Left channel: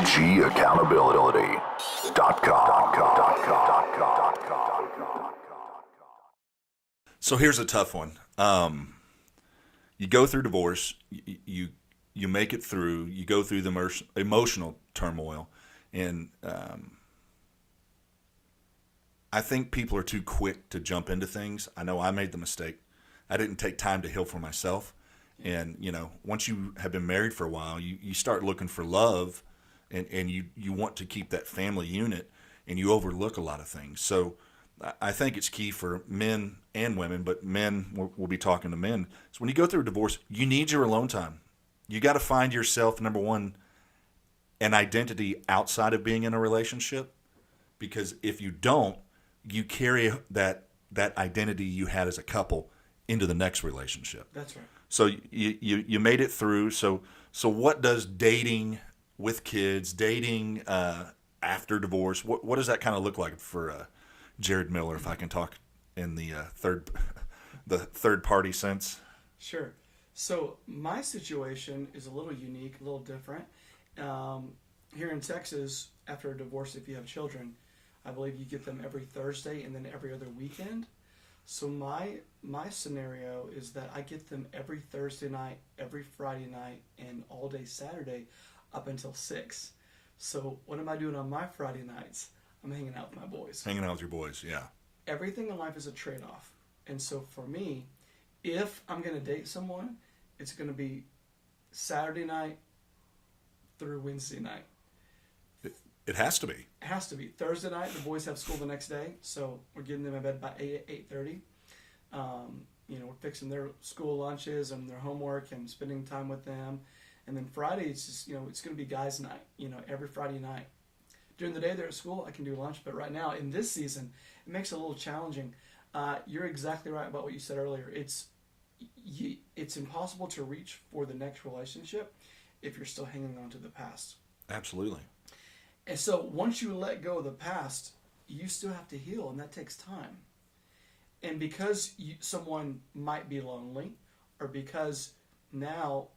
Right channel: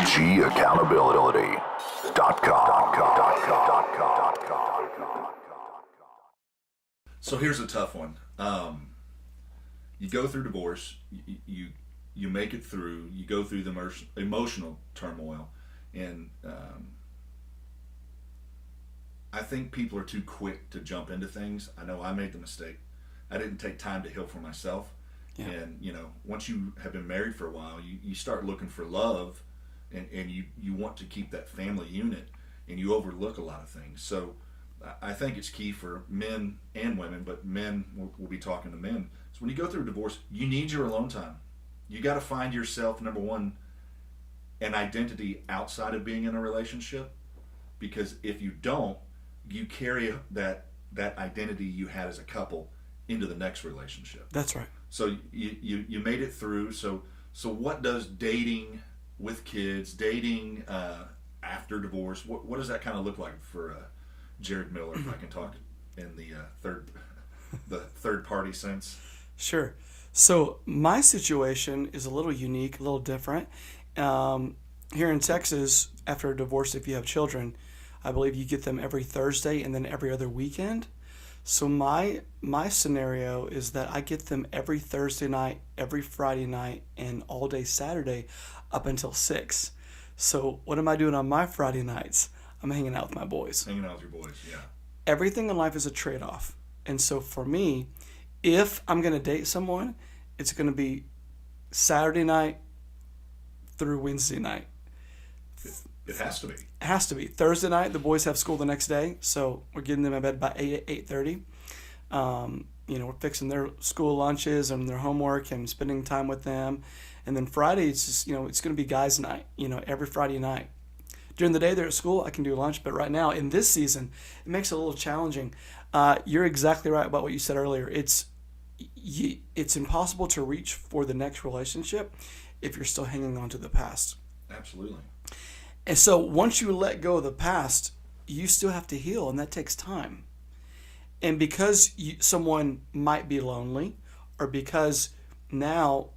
OGaccountability.com. So here's a tough one. You go through divorce, you make it through, you go through the emotional turmoil, and I think people are too quick to jump into things. I know I made the mistake. I didn't take time to heal for myself. Yeah. And, once you have been married for a while, you start looking for love, and you want to keep that family unit, and you overlook a lot of things. So I think it's key for men and women, but men, we'll be talking to men. So when you go through a divorce, you need your alone time. You got to find yourself, number one, an identity outside of being in a relationship, because if you don't, you carry that identity you had as a couple into the next relationship. That's right. So you made it through. So what does dating with kids, dating after divorce, what does that kind of look like for Jared Miller, if I can talk in the third party sense? Sure. So my situation is a little unique, a little different. Here in Texas, after a divorce, if you have children, I believe you get them every Thursday and then every other weekend. So my scenario is that I get them every Thursday night, every Friday night, and all day Saturday up until 6. So what am I doing on my Friday nights? I'm hanging out with my boys. Hanging out with your boys, yeah. Everything in life is a trade-off. And so for me, if I'm going to date someone, it's going to be Saturday night through Wednesday night. It has to be. It has to be. Thursday night, the boys have school the next day, so we're getting them in bed by 8:30. We're fixing their school lunches and their homework and spending time with them. And then Friday, it's just, it's going to be guys' night, every Friday night. During the day they're at school, I can do lunch, but right now, in this season, it makes it a little challenging. You're exactly right about what you said earlier. It's impossible to reach for the next relationship if you're still hanging on to the past. Absolutely. And so once you let go of the past, you still have to heal, and that takes time. And because someone might be lonely, or because now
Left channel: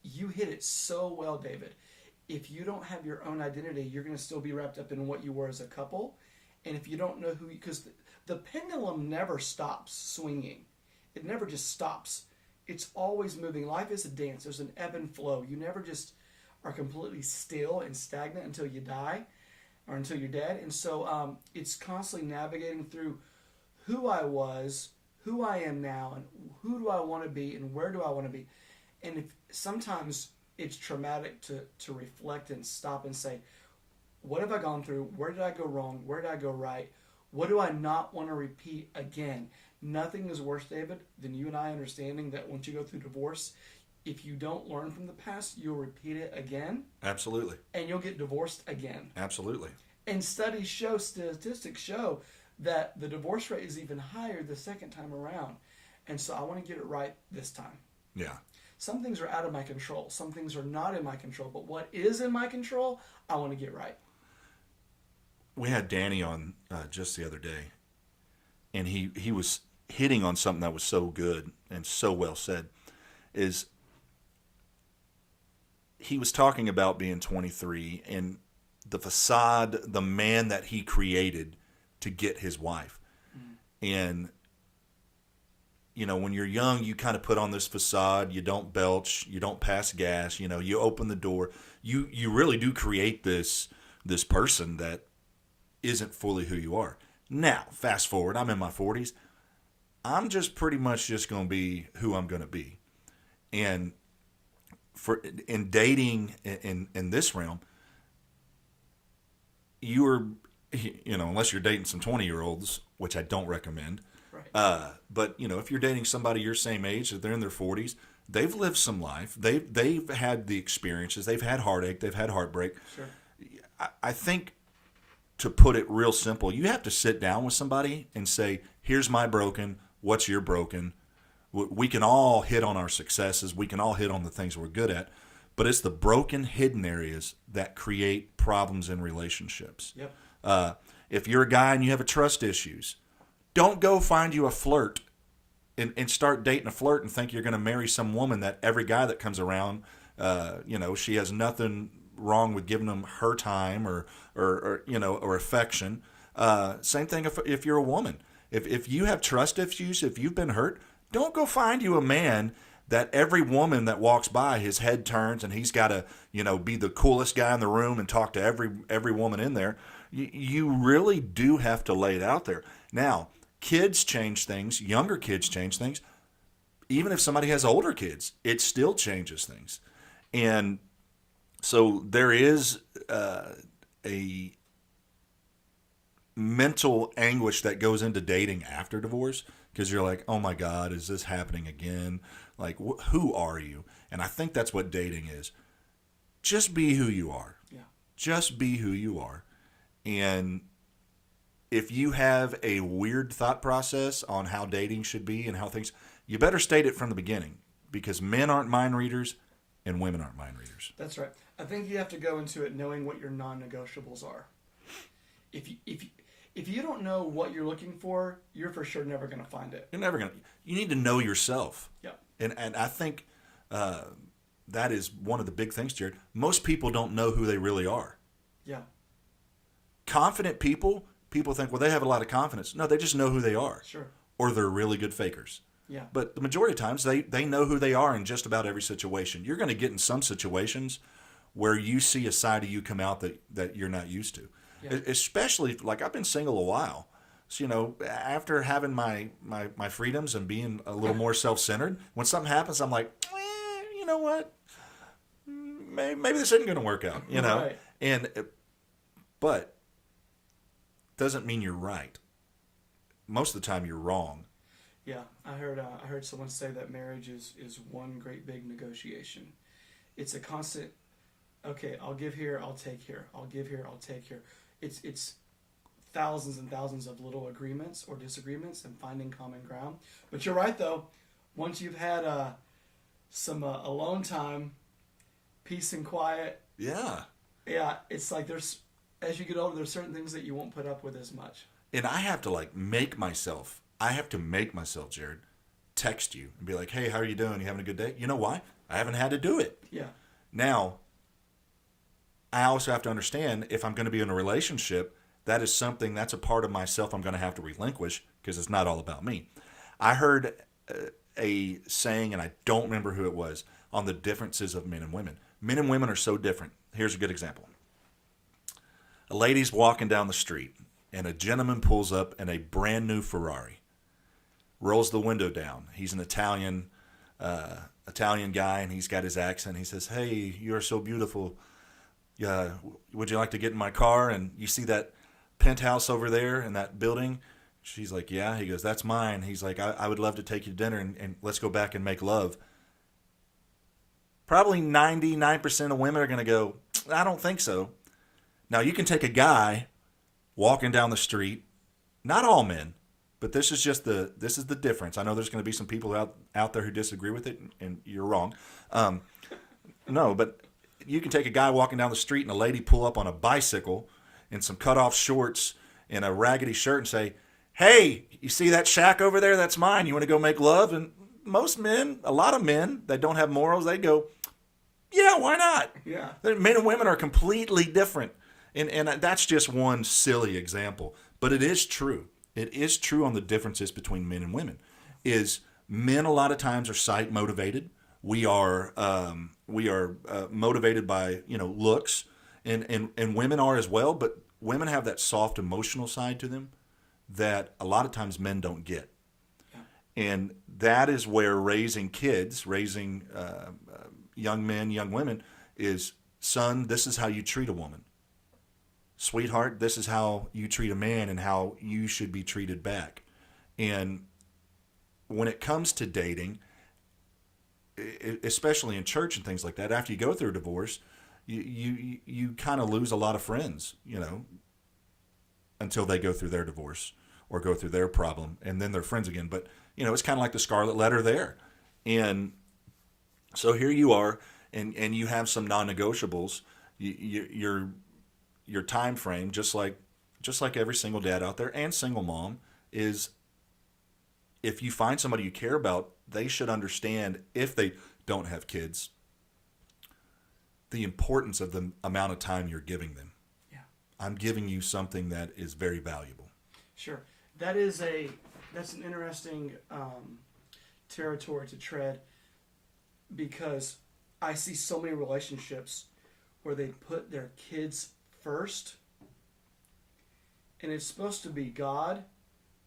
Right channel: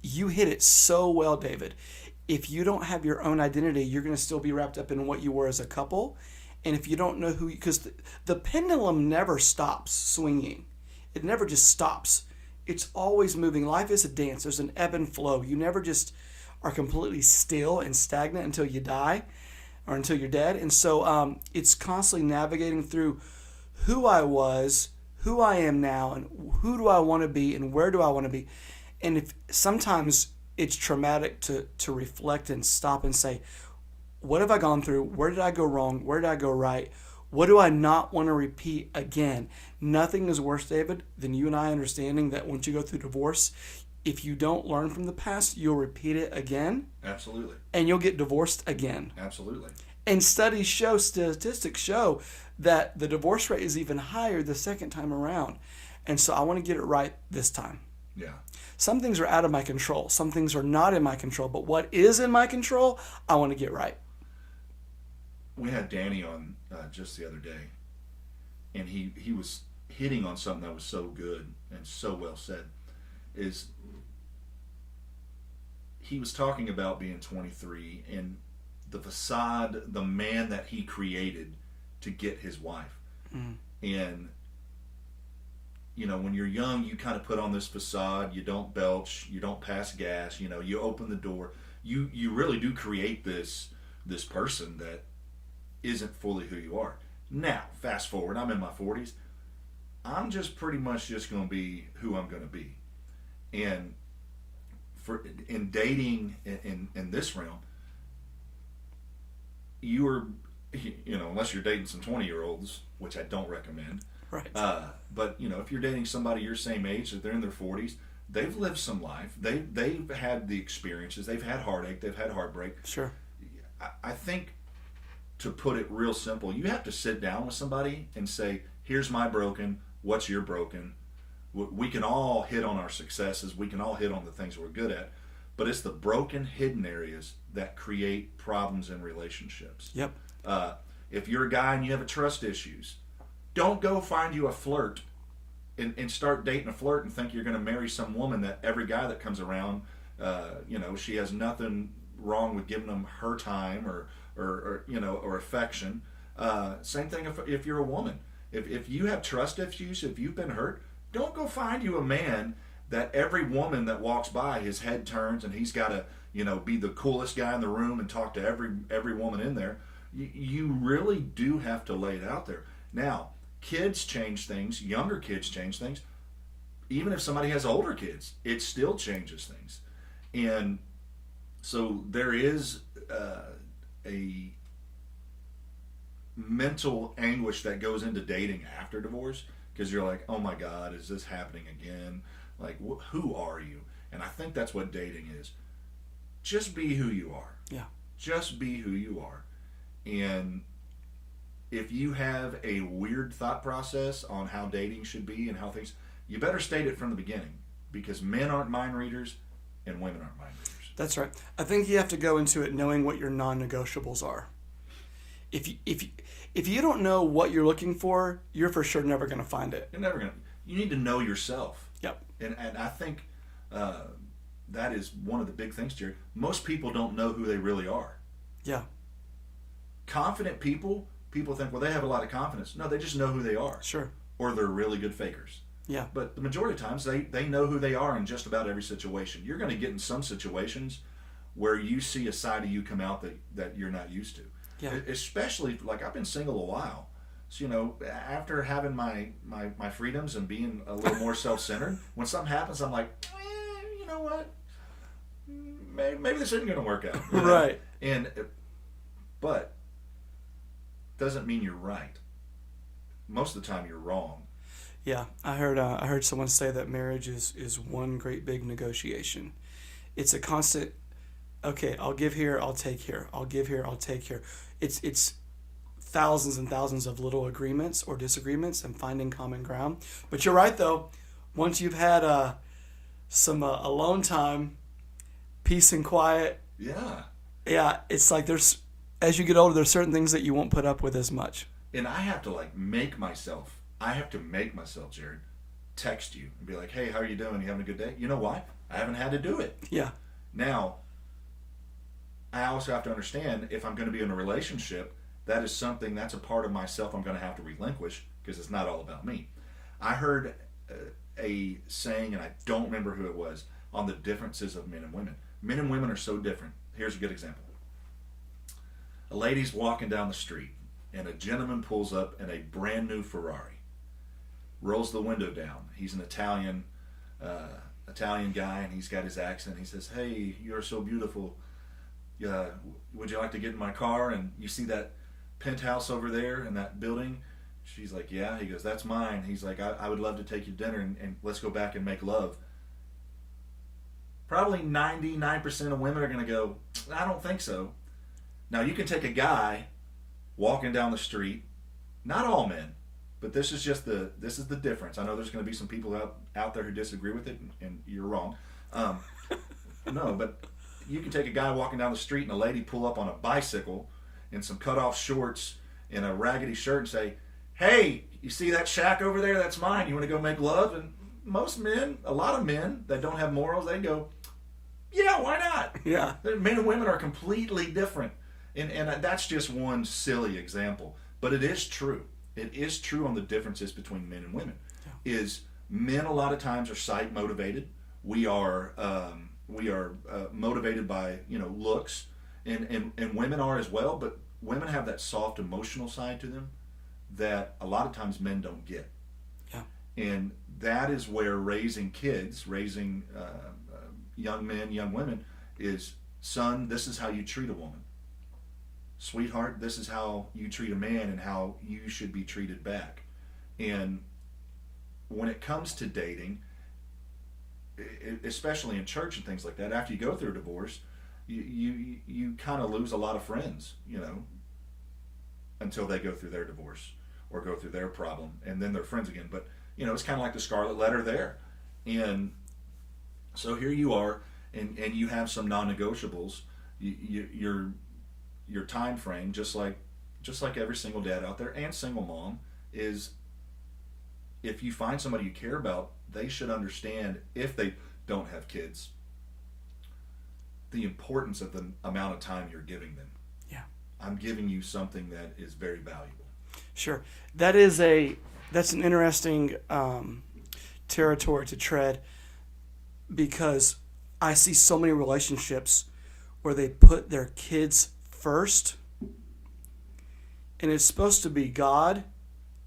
you hit it so well, David, if you don't have your own identity, you're going to still be wrapped up in what you were as a couple. And if you don't know who, because the pendulum never stops swinging. It never just stops. It's always moving. Life is a dance. There's an ebb and flow. You never just are completely still and stagnant until you die or until you're dead. And so it's constantly navigating through who I was, who I am now, and who do I want to be, and where do I want to be. And if sometimes it's traumatic to reflect and stop and say, what have I gone through? Where did I go wrong? Where did I go right? What do I not want to repeat again? Nothing is worse, David, than you and I understanding that once you go through divorce, if you don't learn from the past, you'll repeat it again. Absolutely. And you'll get divorced again. Absolutely. And statistics show that the divorce rate is even higher the second time around. And so I want to get it right this time. Yeah. Some things are out of my control. Some things are not in my control. But what is in my control, I want to get right. We had Danny on just the other day, and he was hitting on something that was so good and so well said. Is he was talking about being 23 and the facade, the man that he created to get his wife. And when you're young, you kind of put on this facade. You don't belch, you don't pass gas, you open the door. You really do create this person that isn't fully who you are. Now, fast forward, I'm in my 40s. I'm just pretty much just going to be who I'm going to be. And in dating in this realm, unless you're dating some 20-year-olds, which I don't recommend. Right. But if you're dating somebody your same age, if they're in their 40s, they've lived some life. They've had the experiences. They've had heartache. They've had heartbreak. Sure. I think, to put it real simple, you have to sit down with somebody and say, here's my broken, what's your broken. We can all hit on our successes. We can all hit on the things we're good at. But it's the broken, hidden areas that create problems in relationships. Yep. If you're a guy and you have trust issues, don't go find you a flirt and start dating a flirt and think you're going to marry some woman that every guy that comes around, she has nothing wrong with giving them her time or affection. Same thing if you're a woman. If you have trust issues, if you've been hurt, don't go find you a man that every woman that walks by, his head turns and he's got to, be the coolest guy in the room and talk to every woman in there. You really do have to lay it out there. Now, kids change things, younger kids change things. Even if somebody has older kids, it still changes things. And so there is a mental anguish that goes into dating after divorce, because you're like, oh my God, is this happening again? Like, who are you? And I think that's what dating is. Just be who you are. Yeah. Just be who you are. And if you have a weird thought process on how dating should be and how things, you better state it from the beginning, because men aren't mind readers and women aren't mind readers. That's right. I think you have to go into it knowing what your non-negotiables are. If you don't know what you're looking for, you're for sure never going to find it. You're never going to. You need to know yourself. Yep. And I think that is one of the big things, Jared. Most people don't know who they really are. Yeah. Confident people think, well, they have a lot of confidence. No, they just know who they are. Sure. Or they're really good fakers. Yeah. But the majority of times, they know who they are in just about every situation. You're going to get in some situations where you see a side of you come out that you're not used to. Yeah. Especially, like, I've been single a while. So, after having my freedoms and being a little more self-centered, when something happens, I'm like, you know what? Maybe this isn't going to work out. Right. But doesn't mean you're right. Most of the time, you're wrong. Yeah, I heard someone say that marriage is one great big negotiation. It's a constant. Okay, I'll give here, I'll take here. I'll give here, I'll take here. It's thousands and thousands of little agreements or disagreements and finding common ground. But you're right though. Once you've had some alone time, peace and quiet. Yeah. Yeah, it's like as you get older, there's certain things that you won't put up with as much. And I have to make myself, Jared, text you and be like, hey, how are you doing? You having a good day? You know why? I haven't had to do it. Yeah. Now, I also have to understand, if I'm going to be in a relationship, that's a part of myself I'm going to have to relinquish, because it's not all about me. I heard a saying, and I don't remember who it was, on the differences of men and women. Men and women are so different. Here's a good example. A lady's walking down the street, and a gentleman pulls up in a brand new Ferrari, rolls the window down. He's an Italian guy, and he's got his accent. He says, hey, you're so beautiful. Would you like to get in my car? And you see that penthouse over there in that building? She's like, yeah. He goes, that's mine. He's like, I would love to take you to dinner, and let's go back and make love. Probably 99% of women are going to go, I don't think so. Now, you can take a guy walking down the street, not all men, but this is the difference. I know there's going to be some people out there who disagree with it, and you're wrong. No, but you can take a guy walking down the street and a lady pull up on a bicycle in some cut-off shorts and a raggedy shirt and say, hey, you see that shack over there? That's mine. You want to go make love? And most men, a lot of men that don't have morals, they go, yeah, why not? Yeah. Men and women are completely different. And that's just one silly example. But it is true. It is true on the differences between men and women. Is men a lot of times are sight motivated. We are motivated by looks, and women are as well. But women have that soft emotional side to them that a lot of times men don't get. Yeah. And that is where raising kids, raising young men, young women, is, son, this is how you treat a woman. Sweetheart, this is how you treat a man and how you should be treated back. And when it comes to dating, especially in church and things like that, after you go through a divorce, you kind of lose a lot of friends, until they go through their divorce or go through their problem, and then they're friends again. But, it's kind of like the scarlet letter there. And so here you are, and you have some non-negotiables. Your time frame, just like every single dad out there and single mom, is if you find somebody you care about, they should understand, if they don't have kids, the importance of the amount of time you're giving them. Yeah. I'm giving you something that is very valuable. Sure. That's an interesting territory to tread, because I see so many relationships where they put their kids first, and it's supposed to be God,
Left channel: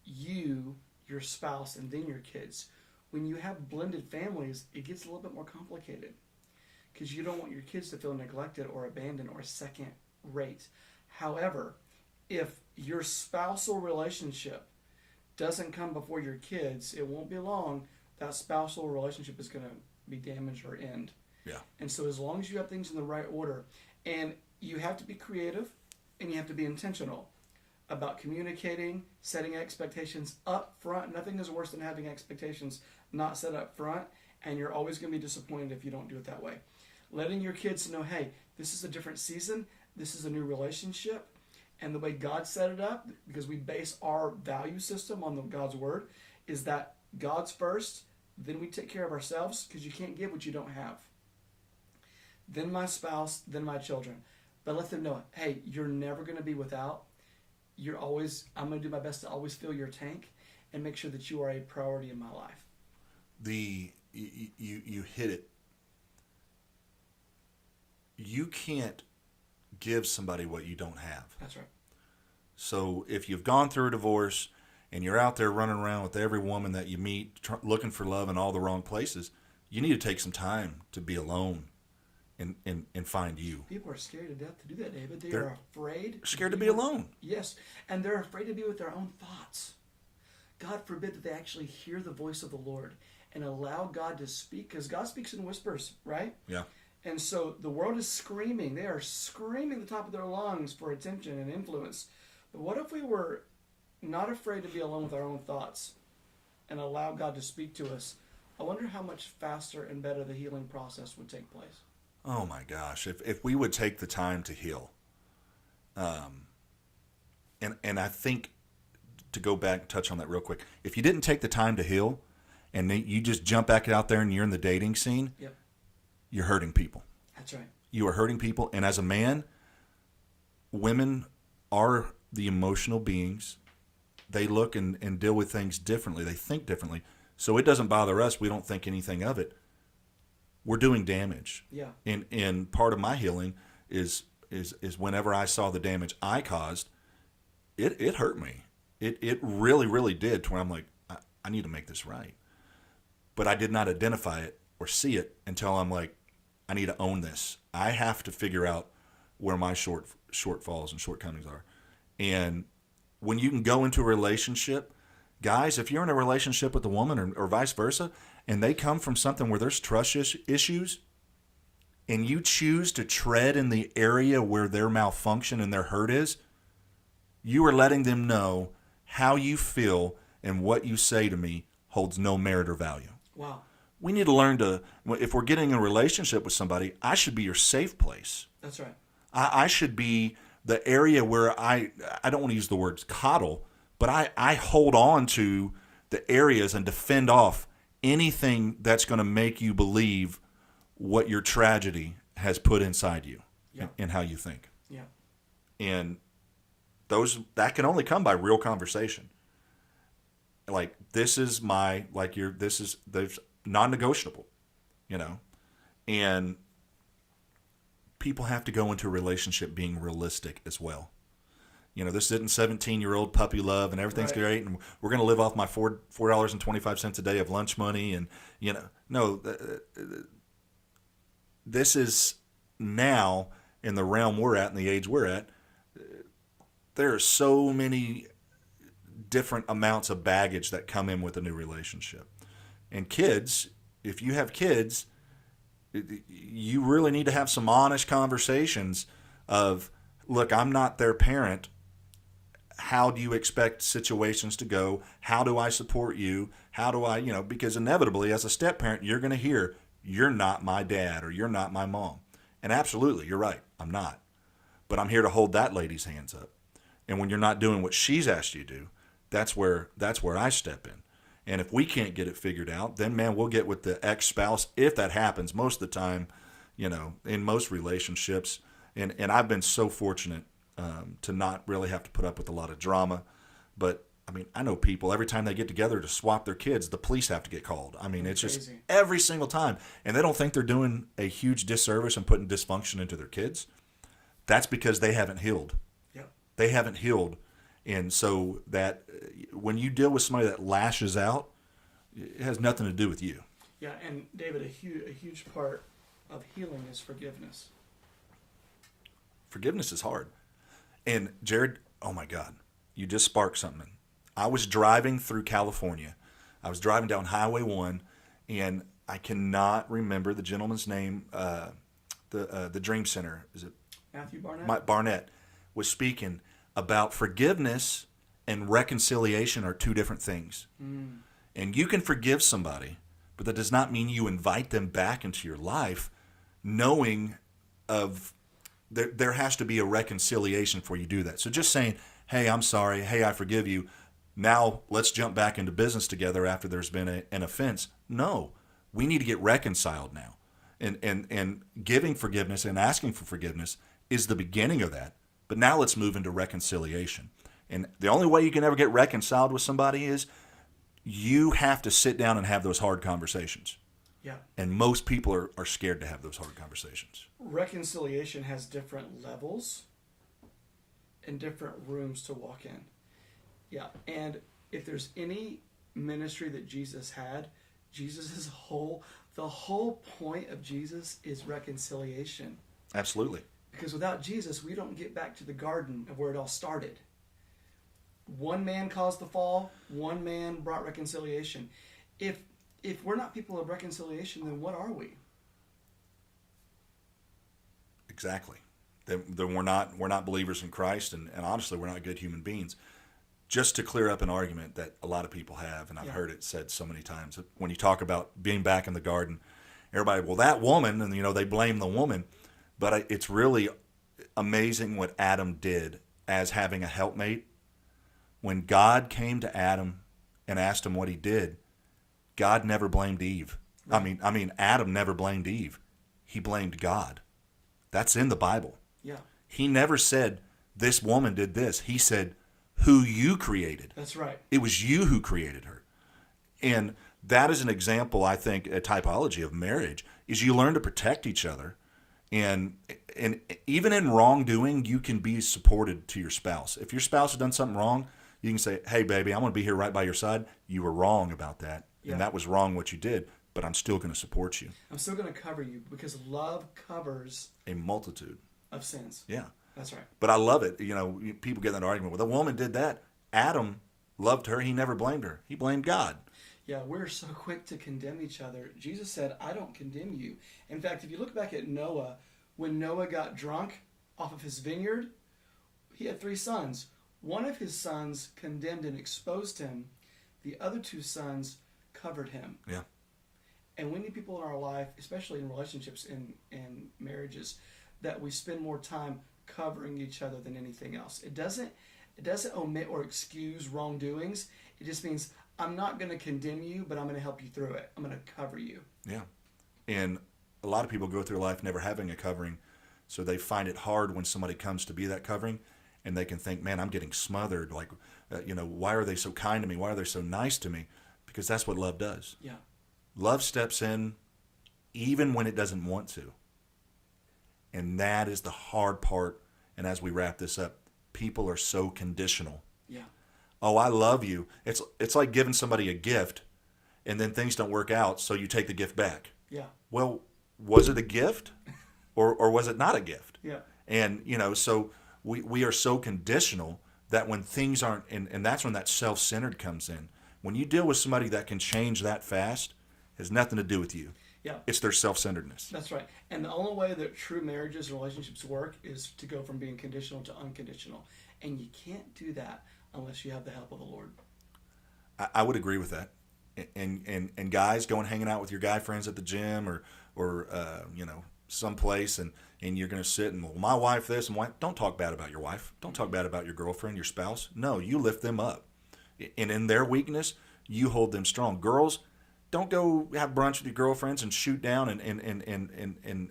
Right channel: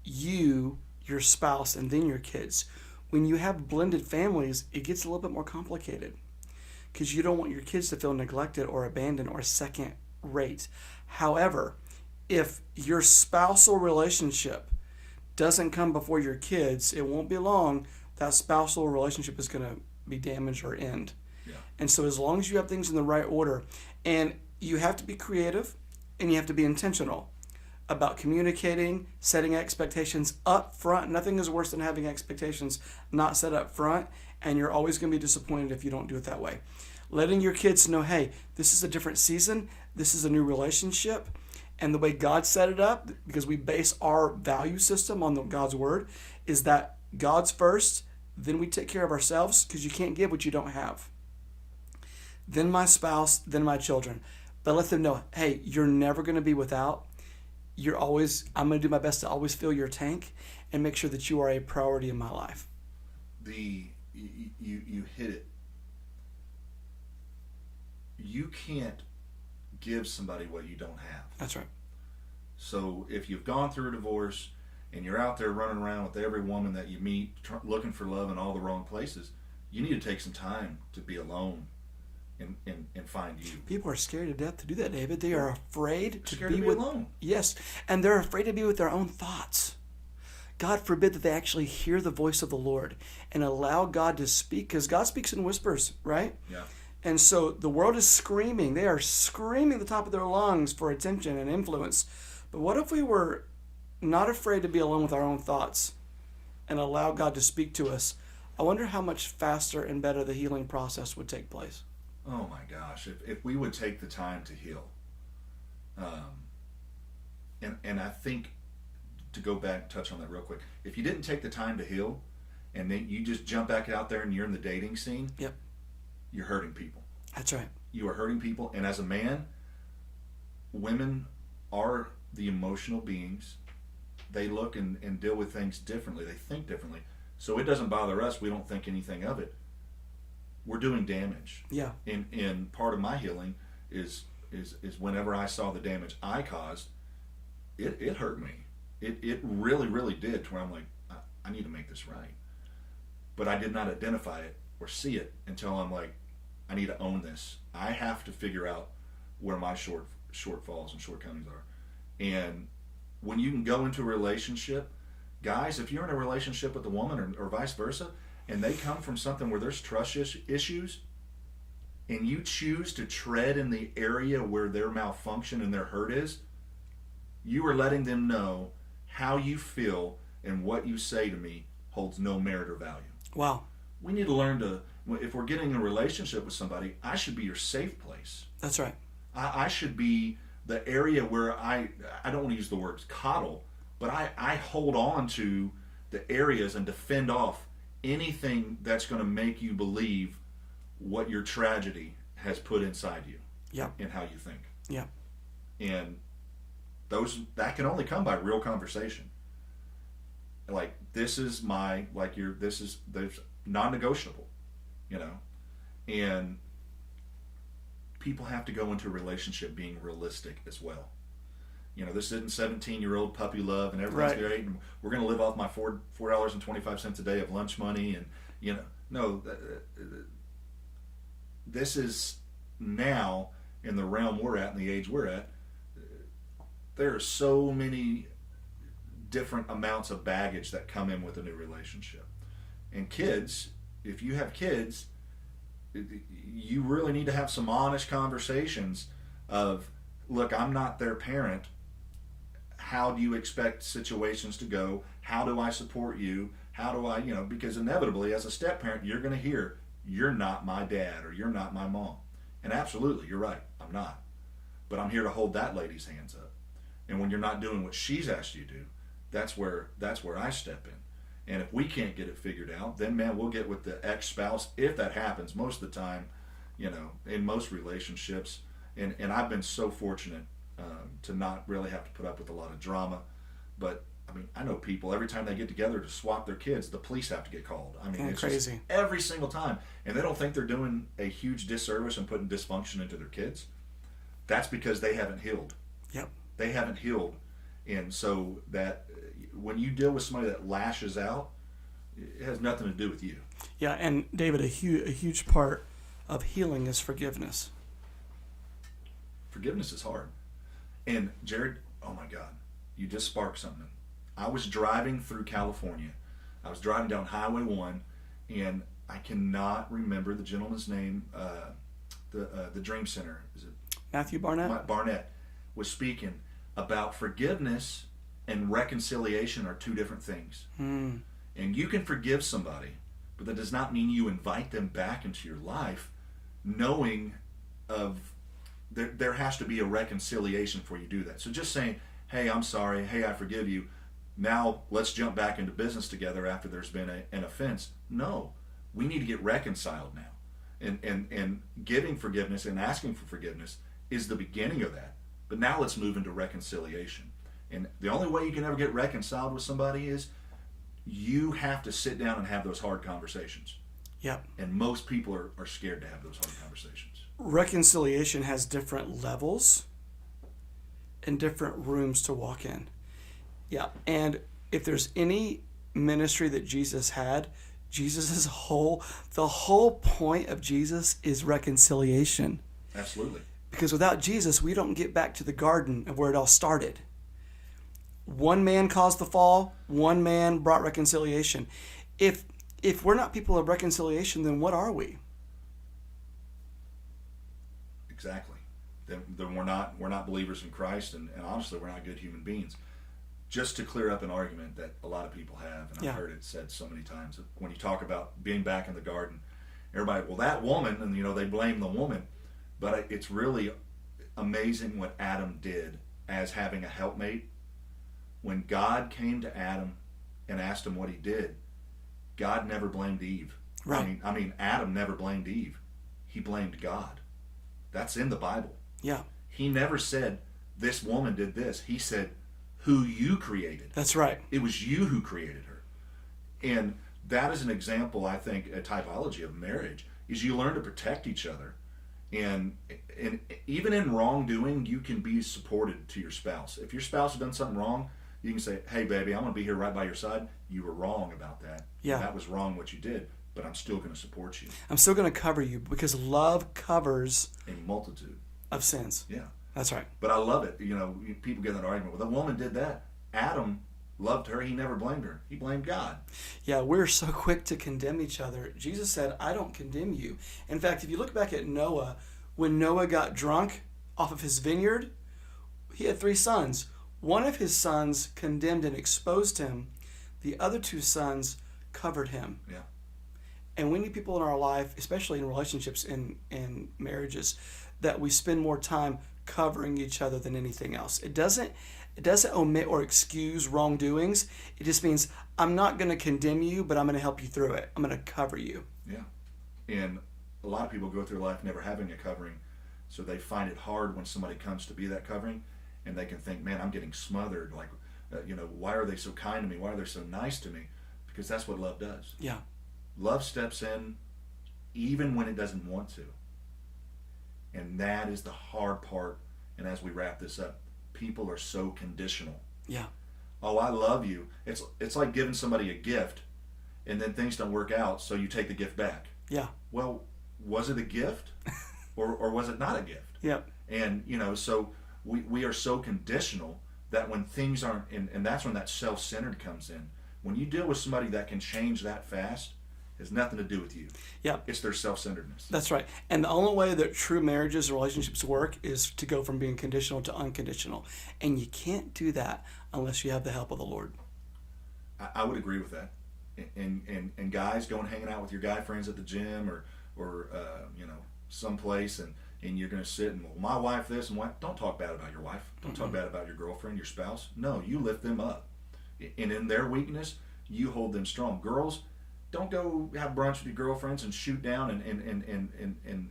you, your spouse, and then your kids. When you have blended families, it gets a little bit more complicated, because you don't want your kids to feel neglected or abandoned or second rate. However, if your spousal relationship doesn't come before your kids, it won't be long that spousal relationship is going to be damaged or end. Yeah. And so as long as you have things in the right order, and you have to be creative and you have to be intentional about communicating, setting expectations up front. Nothing is worse than having expectations not set up front, and you're always going to be disappointed if you don't do it that way. Letting your kids know, hey, this is a different season, this is a new relationship, and the way God set it up, because we base our value system on God's word, is that God's first, then we take care of ourselves, because you can't give what you don't have. Then my spouse, then my children. But let them know, hey, you're never going to be without. I'm going to do my best to always fill your tank and make sure that you are a priority in my life. You hit it. You can't give somebody what you don't have. That's right. So if you've gone through a divorce and you're out there running around with every woman that you meet, looking for love in all the wrong places, you need to take some time to be alone and find you. People are scared to death to do that, David. They are afraid Scared to be alone. Yes, and they're afraid to be with their own thoughts. God forbid that they actually hear the voice of the Lord and allow God to speak, because God speaks in whispers, right? Yeah. And so the world is screaming. They are screaming at the top of their lungs for attention and influence. But what if we were not afraid to be alone with our own thoughts and allow God to speak to us? I wonder how much faster and better the healing process would take place. Oh my gosh, if we would take the time to heal. And I think, to go back and touch on that real quick, if you didn't take the time to heal and then you just jump back out there and you're in the dating scene, Yep. You're hurting people. That's right. You are hurting people. And as a man, women are the emotional beings. They look and deal with things differently. They think differently. So it doesn't bother us. We don't think anything of it. We're doing damage. Yeah. And part of my healing is whenever I saw the damage I caused, it hurt me. It really, really did, to where I'm like, I need to make this right. But I did not identify it or see it until I'm like, I need to own this. I have to figure out where my shortfalls and shortcomings are. And when you can go into a relationship, guys, if you're in a relationship with a woman or vice versa, and they come from something where there's trust issues, and you choose to tread in the area where their malfunction and their hurt is, you are letting them know how you feel and what you say to me holds no merit or value. Wow. We need to learn to, if we're getting in a relationship with somebody, I should be your safe place. That's right. I should be the area where I don't want to use the word coddle, but I hold on to the areas and defend off anything that's going to make you believe what your tragedy has put inside you. Yeah. And how you think. Yeah. And that can only come by real conversation. Like, this is there's non-negotiable, and people have to go into a relationship being realistic as well. This isn't 17-year-old puppy love and everything's Right. great and we're going to live off my $4.25 a day of lunch money, and no, this is now, in the realm we're at and the age we're at, there are so many different amounts of baggage that come in with a new relationship. And kids, if you have kids, you really need to have some honest conversations of, look, I'm not their parent. How do you expect situations to go? How do I support you? How do I, because inevitably as a step parent, you're going to hear, you're not my dad or you're not my mom. And absolutely, you're right, I'm not. But I'm here to hold that lady's hands up. And when you're not doing what she's asked you to do, that's where I step in. And if we can't get it figured out, then, man, we'll get with the ex-spouse. If that happens, most of the time, in most relationships. And I've been so fortunate to not really have to put up with a lot of drama. But I mean, I know people, every time they get together to swap their kids, the police have to get called. I mean, it's crazy. just every single time. And they don't think they're doing a huge disservice and putting dysfunction into their kids. That's because they haven't healed. Yep. They haven't healed. And so that when you deal with somebody that lashes out, it has nothing to do with you. Yeah, and David, a huge part of healing is forgiveness. Forgiveness is hard. And Jared, oh my God, you just sparked something. I was driving through California. I was driving down Highway 1, and I cannot remember the gentleman's name. The Dream Center, is it Matthew Barnett? Mike Barnett was speaking about forgiveness and reconciliation are two different things. Mm. And you can forgive somebody, but that does not mean you invite them back into your life knowing of there has to be a reconciliation before you do that. So just saying, hey, I'm sorry, hey, I forgive you, now let's jump back into business together after there's been an offense. No, we need to get reconciled now. And giving forgiveness and asking for forgiveness is the beginning of that. But now let's move into reconciliation. And the only way you can ever get reconciled with somebody is you have to sit down and have those hard conversations. Yep. And most people are scared to have those hard conversations. Reconciliation has different levels and different rooms to walk in. Yeah, and if there's any ministry that Jesus had, the whole point of Jesus is reconciliation. Absolutely. Because without Jesus, we don't get back to the garden of where it all started. One man caused the fall, one man brought reconciliation. If we're not people of reconciliation, then what are we? Exactly. Then we're not believers in Christ, and honestly, we're not good human beings. Just to clear up an argument that a lot of people have, and I've heard it said so many times, that when you talk about being back in the garden, everybody, well, that woman, and they blame the woman, but it's really amazing what Adam did as having a helpmate. When God came to Adam and asked him what he did, God never blamed Eve. Right. I mean, Adam never blamed Eve. He blamed God. That's in the Bible. Yeah. He never said, this woman did this. He said, who you created. That's right. It was you who created her. And that is an example, I think, a typology of marriage, is you learn to protect each other. And even in wrongdoing, you can be supported to your spouse. If your spouse has done something wrong, you can say, hey, baby, I'm going to be here right by your side. You were wrong about that. Yeah. And that was wrong what you did, but I'm still going to support you. I'm still going to cover you because love covers A multitude of sins. Yeah. That's right. But I love it. People get in an argument. Well, the woman did that. Adam loved her. He never blamed her. He blamed God. Yeah, we're so quick to condemn each other. Jesus said, I don't condemn you. In fact, if you look back at Noah, when Noah got drunk off of his vineyard, he had 3 sons. One of his sons condemned and exposed him. The other 2 sons covered him. Yeah. And we need people in our life, especially in relationships and marriages, that we spend more time covering each other than anything else. It doesn't omit or excuse wrongdoings. It just means I'm not going to condemn you, but I'm going to help you through it. I'm going to cover you. Yeah. And a lot of people go through life never having a covering, so they find it hard when somebody comes to be that covering, and they can think, man, I'm getting smothered. Like, why are they so kind to me? Why are they so nice to me? Because that's what love does. Yeah. Love steps in even when it doesn't want to. And that is the hard part. And as we wrap this up, people are so conditional. Yeah. Oh, I love you. It's like giving somebody a gift and then things don't work out, so you take the gift back. Yeah. Well, was it a gift or was it not a gift? Yeah. And, so we are so conditional that when things aren't, and that's when that self-centered comes in. When you deal with somebody that can change that fast, it has nothing to do with you. Yeah. It's their self-centeredness. That's right. And the only way that true marriages and relationships work is to go from being conditional to unconditional. And you can't do that unless you have the help of the Lord. I would agree with that. And guys, going hanging out with your guy friends at the gym or someplace, and you're going to sit and, well, my wife this and wife. Don't talk bad about your wife. Don't talk bad about your girlfriend, your spouse. No, you lift them up. And in their weakness, you hold them strong. Girls, don't go have brunch with your girlfriends and shoot down and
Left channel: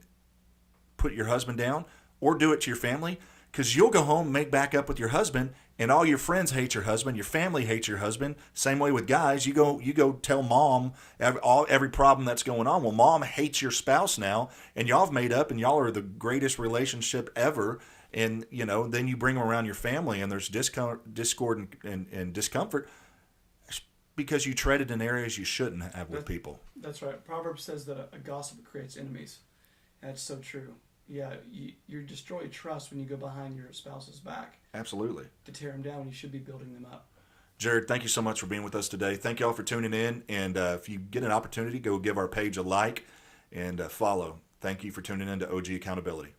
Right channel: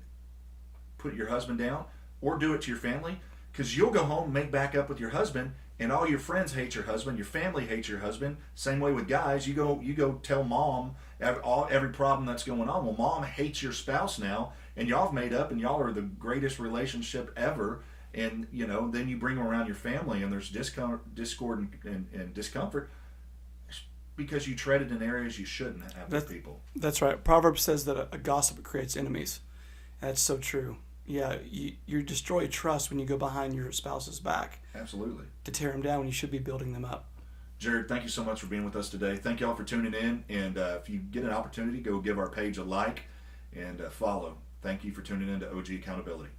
put your husband down, or do it to your family, because you'll go home, make back up with your husband, and all your friends hate your husband, your family hates your husband. Same way with guys, you go tell mom every problem that's going on. Well, mom hates your spouse now, and y'all have made up, and y'all are the greatest relationship ever. And then you bring them around your family, and there's discord and discomfort because you treaded in areas you shouldn't have with people. That's right. Proverbs says that a gossip creates enemies. That's so true. Yeah, you destroy trust when you go behind your spouse's back. Absolutely. To tear them down when you should be building them up. Jared, thank you so much for being with us today. Thank you all for tuning in. And if you get an opportunity, go give our page a like and follow. Thank you for tuning in to OG Accountability.